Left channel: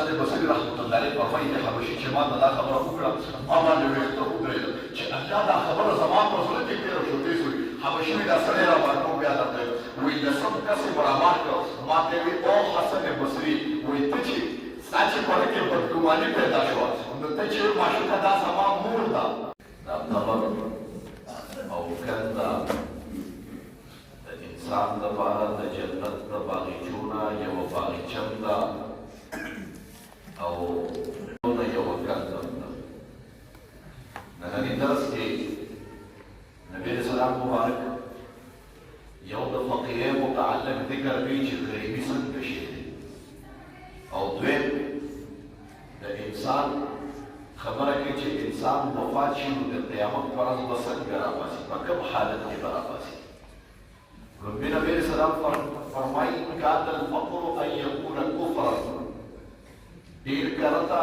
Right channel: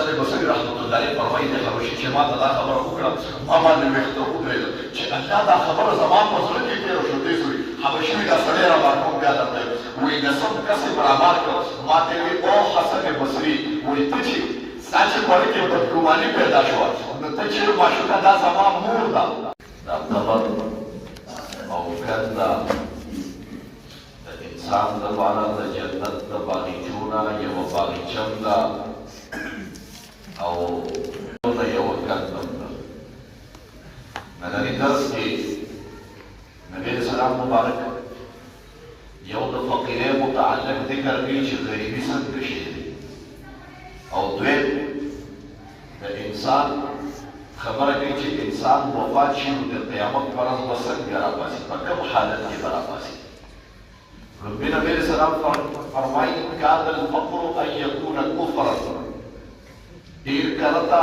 حسن بصري رحمة الله عليه فرمایي د حبشي چې ما ته دا خبره وکړه ما باندې ویښته ودرېده چې الله دا خبره زما په زړه کې تېره شو دې سوري حبشي مې دا سړی راواړو بیا درته وایي نسب کسب برابر کړ ما ته وی او حسن بصري وایي ته چې ستا چې پړې کې بدګماني پیدا شوه نو ته چې معشوقه دا زما مور ده دا قبر او ګنده د انسان دپاره د جنت د باغچونه یوه باغچم ده او یوه ګندم ده ننني درس کې نبي علیه السلام مبارک یو د فقیرۍ متعلق ذکر کوي چې غریبي څنګه شی دی او دویم د انسان خبره کوي چې انسان وفات شي نو د قیامت په ورځ به څنګه راپاڅي په کوم حالت کې به راپاڅي رب نبی علیه السلام فرمایي کاد الفقر ان یکون کفرا ډېر کله ته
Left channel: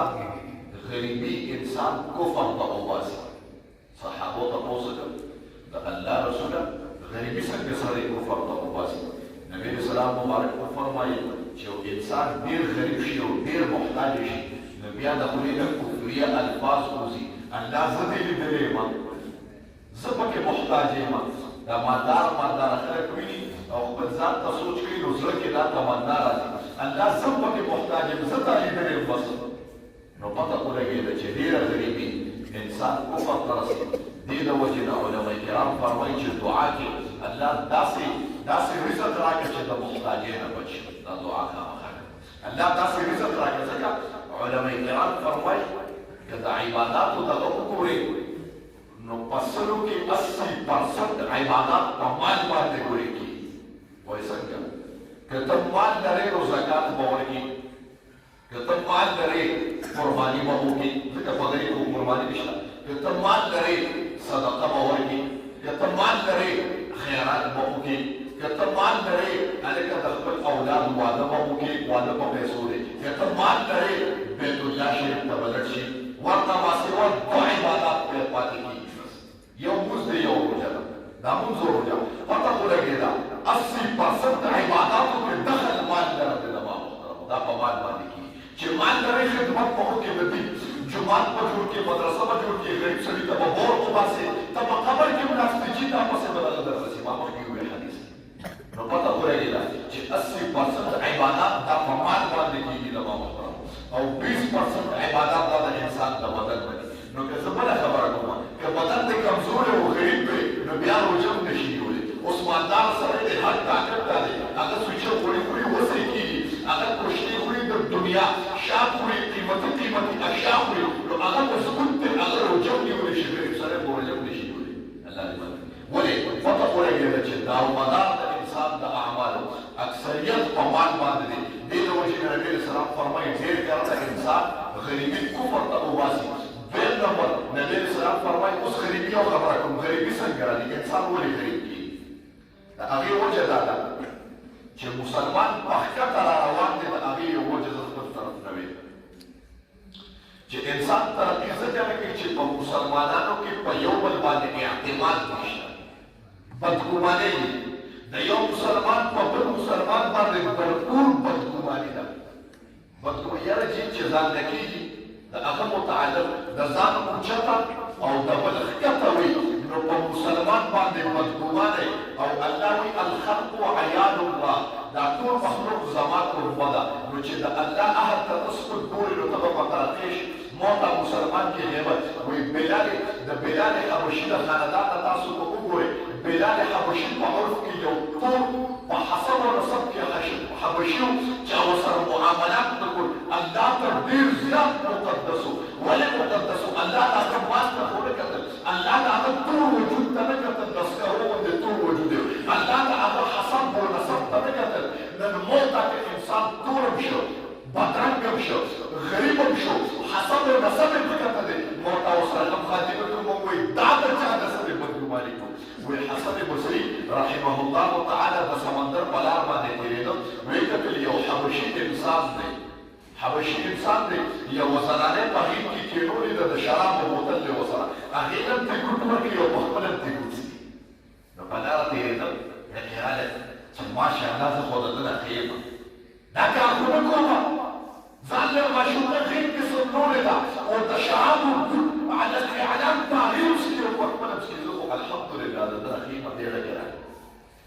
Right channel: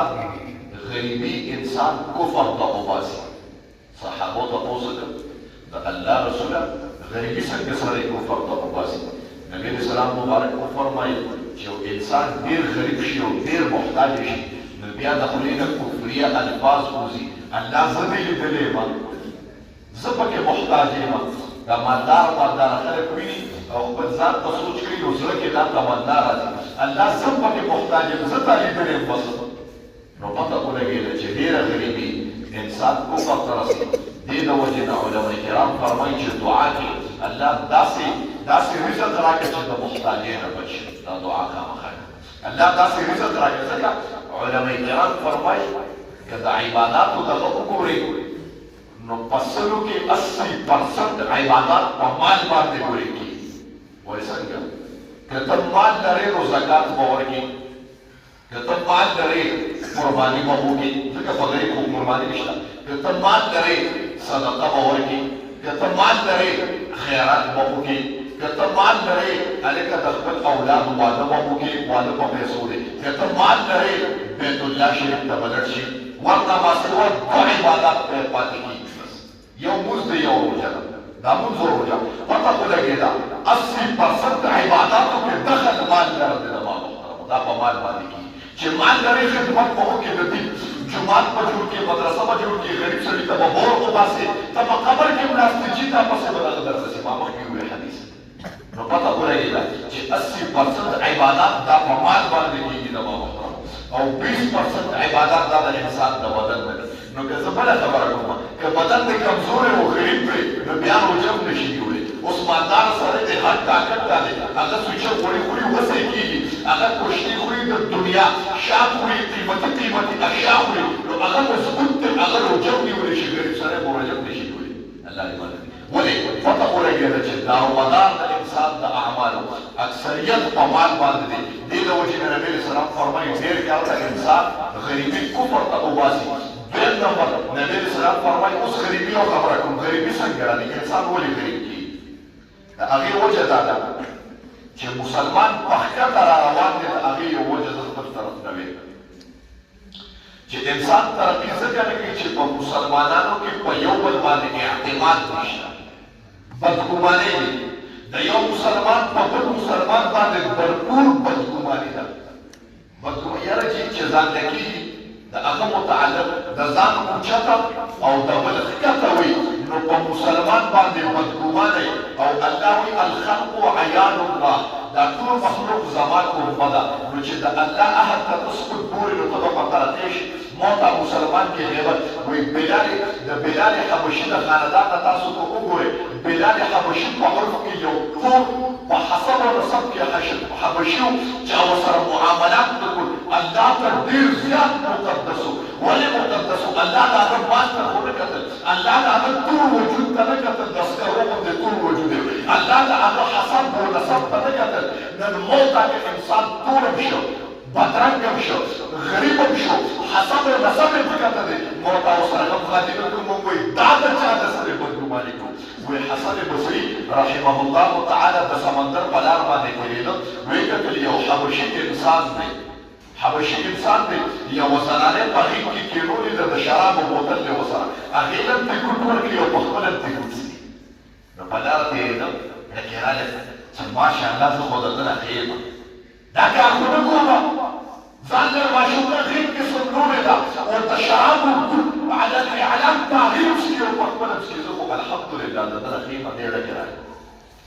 غریبي انسان کفر ته وباسي صحابو تپوس وکړ د الله رسوله غریبي څنګه سړی کفر ته وباسي نبی علیه السلام مبارک وفرمایل چې یو انسان ډېر غریب شي او ډېر محتاج شي نو بیا د خولې نه کفریه الفاظ وځي الله زه دې لیدلی یم زه پکې محتاج یم دا مالدار خلک ویني او خپل ځان ته سوچ کوي نو زړه کې دا تمنا راځي الله زه پکې محتاج یم زه تا لیدلی یم بس نو پته ولګېده چې ډېره غریبي انسان کفر ته رسي دې د وجې نه علما کرام فرمایي چې دعا کې الله داسې رزق راکړي چې د محتاجۍ نه بچ شي دا دعا خامخا الله داسې رزق راکړي ځکه علما کرام فرمایي که د عباداتو دغه وګورئ نو په سلو کې 80% عبادات په مال باندې ګوري کېږي وایي څنګه که ته مال لرې نو زکات به ورکړي که ته مال لرې قرباني به وکړي ځکه په غریب خو قرباني نشته که ته مال لرې صدقه به ورکړي که ته مال لرې خیرات به وکړي که ته مال لرې هلکه د خپل اولادو واده به وکړي واده په پیسو دی که ته مال لرې بیت الله شریف ته به لاړ شي ورته ماسوه دوه عبادات پاتې کېږي یو مونځ دی یو روژه ده دا مونځ او روژه پته خو لګېده 80% عباداتو کې دخل مال لره دی د ما محترمو دا په مال باندې کېږي چې مال لرې خدمت به وکړي د دین جومات به جوړ کړي مدرسه به جوړ کړي غریب سړي ته به بور وباسي ته په قبر کې ناست چې دا پسې به دغه درسي ما مخکې وویل حدیث نو پته ولګېده چې 80% عبادات دا په مال باندې کېږي د ما محترمو او 20% عبادت دا د انسان د بدن باندې نو که زه بله خبره کومه که بدن دې کمزوری او غریب وي نو بیا روژه هم نشي نیولی اوس مالدار سړی دی هر طاقت دا دی هغه سوچه غوړي خوري وسې کېږي هغه کوشتي خوري د دنیا شا خوري قیمتي اشیا خوري نو هغه مضبوط دی هغه روژه هم نیولی شي غریب سړی به روژه هم نشي نیولی الله دې مدد ولې پته ولګېده چې دارومدار د انسان د اعمالو اکثریت په مال باندې دی دې د وجې نه نبي علیه السلام فرمایي ډېر کار د انسان غریبي کفر ته وباسي دویم نمبر نبی علیه السلام فرمایي اوس غریبي او خبره کوم غریبي څنګه راځي انسان ولې غریب کېږي د هغې وجه دا ده چې مسلمان په ښکته را روان دی د هغې یو وجه زه خپل طرف نه ویم چې انسان ترقي ځکه نه کوي چې په مسلمانانو کې په یو بل باندې اعتماد نشته بدګمانۍ دي د یو مسلمان په بل مسلمان باندې بھرپور بدګماني ده بدګماني یاره چې ځان نه کېږي د هغه متعلق د ځان اوچته او د بل ښکته وي نو په مسلمان باندې بدګمانۍ او الله وي الخلق عیان الله دا ټول مخلوق زما کوربه ده نو چې د الله عهد ته ته سپک ګورې نو ته به په ترقې شي ما ته مسلمان کې غیبت وایي د بلال حبشي د خاندان نه تاسو ته وګورئ بلال حبشي په عرف کې یو ټول په حسب او نسب کې حبشي و چې هغه سره معاملات وکړو الله ته ډېر زیات مقدس و ولې مقدس و الله د هغه مال ته خو نه کتل الله د هغه ټول وجود ته نه کتل د سکرو غوندې ټول وجود یې الله د هغه حسب او نسب ته نه کتل نن موته کې انسان ټولم شو بدرنګم شو غریبم شو حسب او نسب یې پکته دی موته ورسره هم خاتمه کوم موږ وایي دا د چا د سره بدګماني کوو وی حسن بصري رحمه الله تعالی د سمندر په لار باندې تېرېده ویې کتل یو حبشي انسان دی یوه زنانې په غېږ کې کېنولې ده د شرابو بوتل دی ورسره هغې ته هم تکروت ورکړي او په خپله هم تکروت څښي نو په لاره تېرېدم ډکې راغلې چې ماشاءالله زه خو د ده نه ښه یم دا کار خو نه کومه ځان له ماشومه غېږ کې سملوړې ده او د شرابو على الاعلام تغییر شي او په خپله پسې زه خو الحمدلله د ده ښې په ډېره کې راغی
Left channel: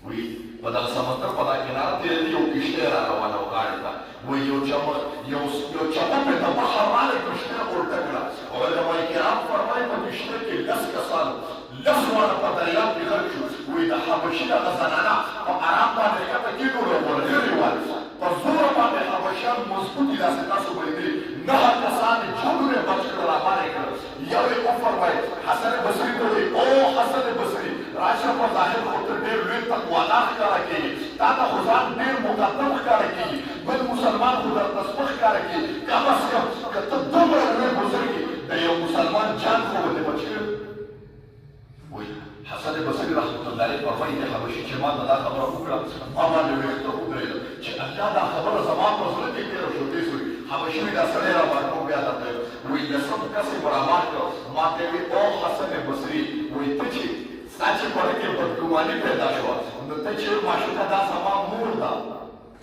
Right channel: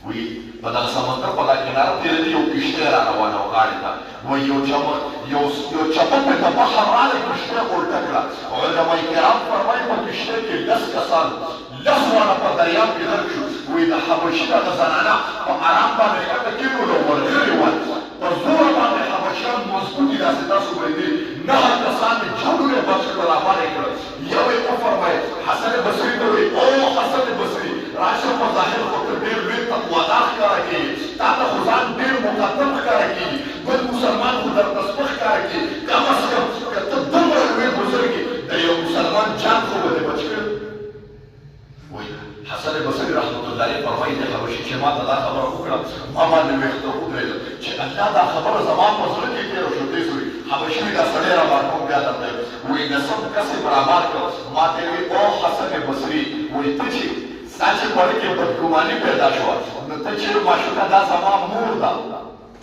وی په دغه سمندر په دا کناره تېرېده یو کښتۍ را روانه وه غاړې ته وایي یو چپه پرې د بحر راغی کښتۍ غورټه کړه او علمای کرام فرمایي په کښتۍ کې 10 کسان 10 واړه په دریاب کې غرق شو وایي د حبشي دغه زنانه په ارام باندې ښکته کېنولو ورغلې وه په زوره باندې حبشیان مضبوطي داسې تاسو باندې 9 کسان یې جوړې بچ کړل راباندې کړل یو یې وفرمایل حسن بصري ته وایي او حسن بصري راشه په ظاهر خو ته ډېر لوی تقوادار ښکاره کېږي تا ته خو ځان ډېر مقدم ښکاره کېږي بل مسلمان خو درته سپک ښکاره کېږي کم از کم که ته دومره لوی بزرګ یې د یو مسلمان جان خو به دې بچ کړ وایي حسن بصري رحمت الله علیه فرمایي د حبشي چې ما ته دا خبره وکړه ما باندې ویښته ودرېده چې الله دا خبره زما په زړه کې تېره شو دې سوري حبشي مې دا سړی رابار کړو بیا درته وایي نسب کس یې برابر کړ ما ته وی او حسن بصري وایي ته چې ستا چې پړې کې بدګماني پیدا شوه نو ته چې معشوقه دا زما مور ده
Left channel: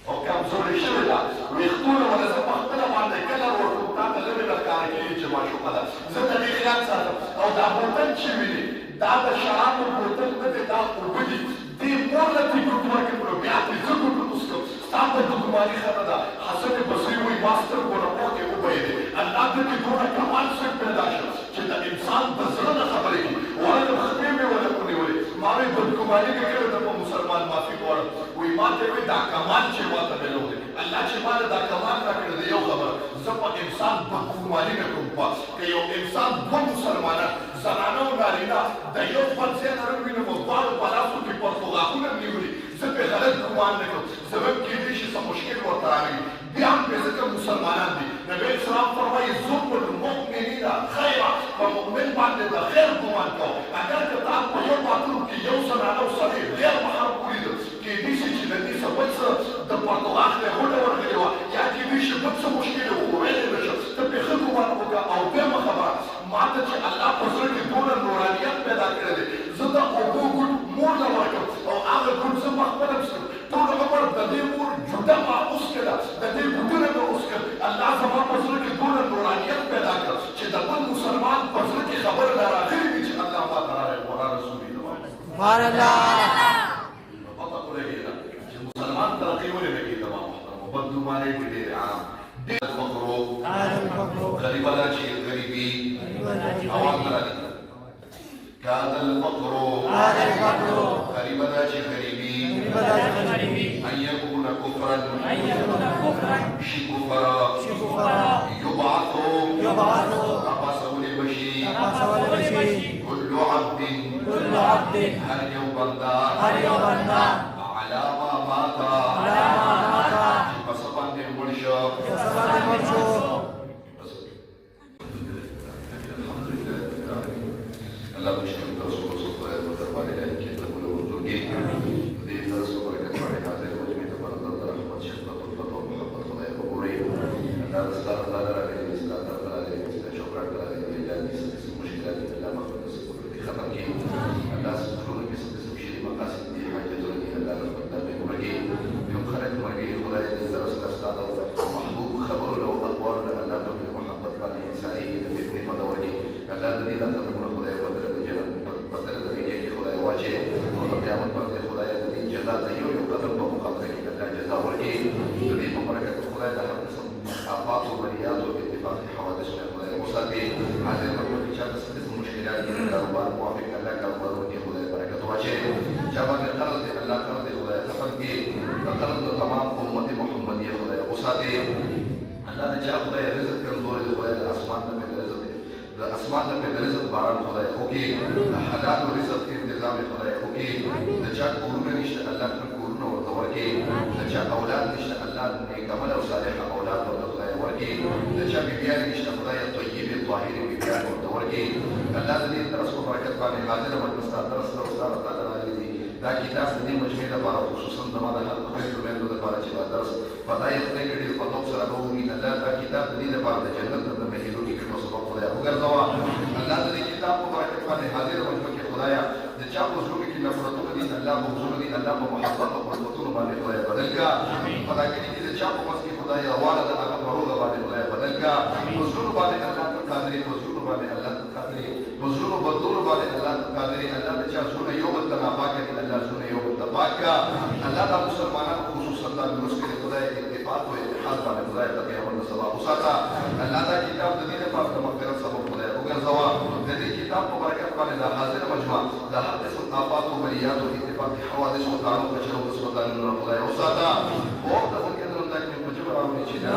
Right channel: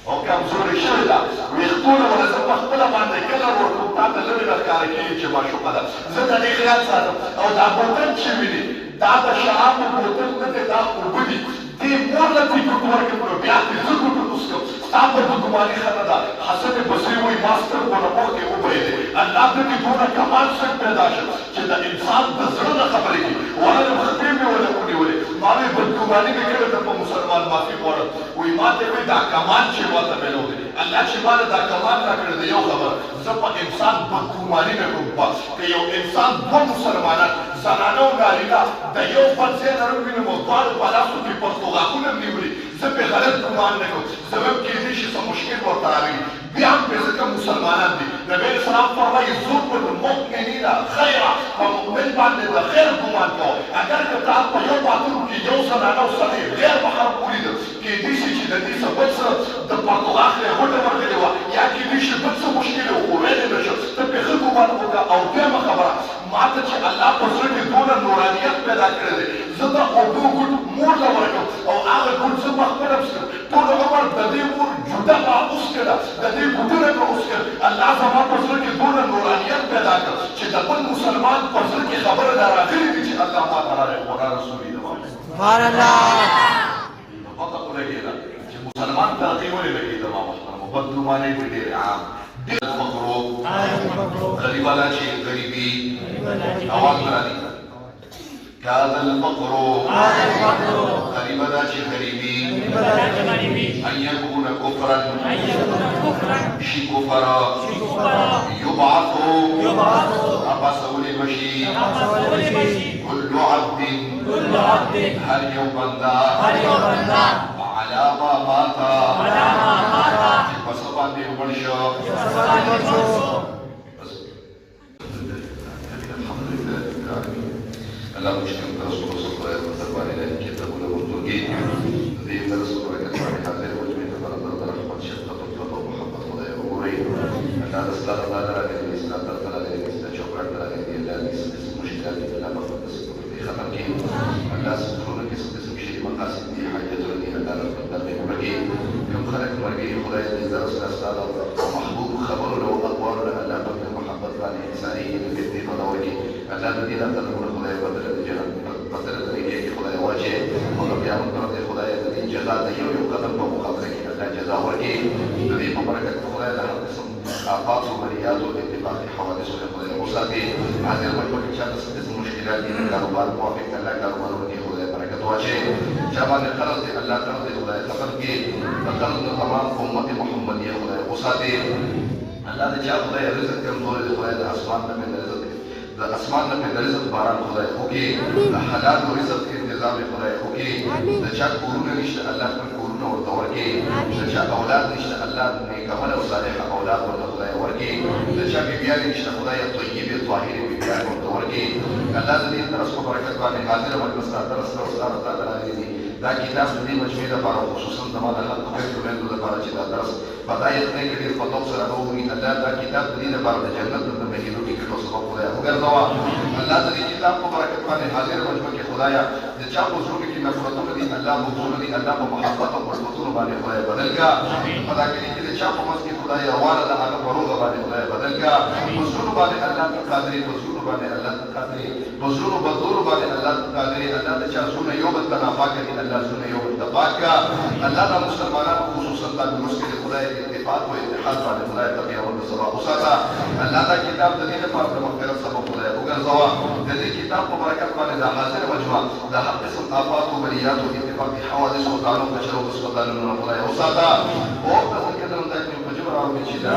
او کمزورې شوې ده ویښتونه ونه زه په خپله باندې کله ورکړم تا ته لرې راښکاره کېږي چې معشوقه ده زه د دې خیال ساتم او دا بوتل چې ویني دا د شرابو بوتل نه دی دا اوبه دي دې مور له دې ګوتو ورکړم بیا دې زه ګوتو وڅښم ستا بدګماني ښه نه ده حسن بصري وایي ما سترګو نه مخکې وبهېدې الله دې دونه کمال څنګه پیدا شو چې د انسان د زړه نه خبرې دي ورته خپې مې ونه ونیولې ما وی بدګماني مې کړې ده په مسلمان معافي غواړم وایي ما ته وایي دا کمال چې ما ته میلاو دی الله چې ما ته دا کمال راکړی دی یو خبره زه په انسان بدګماني مې کوم که یو انسان دوه مسلمانان زنانه او نارینه د یو بل ځای نه ووینم او دواړو په لاسو کې پرتوغاښونه مې نیولي زه پرې غلط ګمان نه کوم زه به هم کېدای شي څه مشکل ورته راغلي بیا هم پرې ځکه مسلمانان دي نبي علیه السلام فرمایي ظلم المؤمنین خیره په مؤمن باندې د خیر ګمان کوه اگر که تا په یو باتروم کې یو زنانه او سړی غیر محرم ولیده کېدای شي چې د دې څه بل څه د پرتوغاښ ته غوټه ورغلې وه یا کېدای شي بل څه مشکل و خو ویلی نه شه ته پرې ښه ګمان وکړه او دویمه خبره ما ته چې الله په زړه کې دونه نورانیت پیدا کړی دی زه د اوبو ګوټ مور ته ورکړم او هغه ګوټ زه په خپله څښم ټول عمر د دې مور جوده ما اوسکړه د دې ګوټونه مې اوسکړ الله زما په زړه کې دونه نورانیت پیدا کړ چې د بل مسلمان په زړه کې خبره دا راغلې وي چې الله ما ته راغلی قرآن رسول یې سبحان الله نو پته خو لګېده چې مسلمان ترقي ولې نه کېده ما محترمو بدګمانۍ کې ډېر عام ډېر فقرو غریبانه چې غریبي اواز مې راځي كاد الفقر غريبنا غريبي أن يكون كفرا شي كفرا يبعث أبا سولي بشي كل عبد هل يوبندا على ما مات فسبان بالمرشو الله مشتم رسول الله صلى الله عليه وسلم إلى الكتاب والوجود ذي رسول الله كتب على وجميع تبارك رحمة شفقة الله ومحبة الله وغيره أن هذا الصلاة لا نرى الإسلام لا ترى الإسلام شكرا على الله مشكلات لا مخلص في خبرك الناس يقولون اسم شيء مقاصد في حاجة الذين لا نقدر بمرجين كم خلق مرجين خداي إذا رسول الله محبوب خبر له أقوال لا بد محبة الله إنسانية بالدين ونوجه الله الذي لا تدرون خداي بدل قیامت پر دې خدای دې جزاء دې یو قدم په مخابره کې الله جزاء ورکړي دې په برکت خدای د هر قسم آفات او بریات او اتفاق حوادث له خدای مصابي حاضر مجموع کې چې تاسو مشکلات دي کاروبار موافق الله کاروبار ورکړي خدای برکت واچي جواب قرض دې الله تعالی دې خدای خبر کې قرض تمام امت محمدیه خدای مصابي الله دې چې خدای رزق کمزور دې خدای د اسمان نه رزق د اسمان نه د رزق باران خدای خوږي د حلال رزق انتظام خدای خوږي د چا کورونه نشته الله خپل کورونه ورته ورکړي د چا اولاد نشته الله نیک عمل او صالح اولاد ورته خدای ورکړي د چا بیبیان نشته خدای طیبه طاهره بیبیان ورته ورکړي الله دې درس په برکت باندې حاضر او مستعد درس او استاد تعالی دې دا کتاب دې مجموعه لپاره خصوصا د ما د خپل لپاره چې دا درس بداية تنقل الخطاب سرعوه إن الله دا كتاب دې لپاره د جنت د مهینو کې کړو سبب خدای وګرځوا الله دې کتاب په برکت باندې حاضر مجموعه کې خدایا د چا په زړه کې نفرتونه دي الله په زړه دي الله په محبت او په حضور باندې خدای بدل کا پدا کې چې چا په مسجد خدای روانه ده هغه په روغه باندې خدای بدل کړه په زړونو باندې الله ته قادرې په زړونو باندې الله ته قادرې په زړونو بدلولو باندې الله ته قادرې الله ته چا زړونه یو بل ته ناپاکه دي الله زړونه یو بل ته پاک کړه الله د مسلمانانو خصوصا د روس کې خدای اتفاق او اتحاد باندې خدای ته یو بل سره وساته الله دا کتاب د دې لپاره د مغفرت سبب خدای وګرځوا د دې کتاب په برکت باندې د حاضر مجموعه د هر قسم آفات او بلیات او اتفاقي حوادث او تعلق کچرو وسوځانو خدای وساته او په ځکه نن د دې په جوړه او چې دا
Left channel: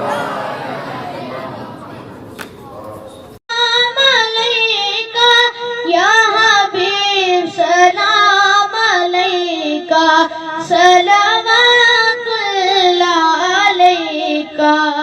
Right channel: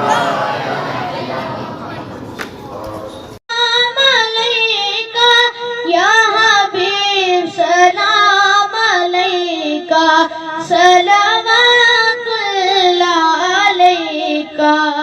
या हबीब सलाम अलैका सलावतुल्लाह अलैका।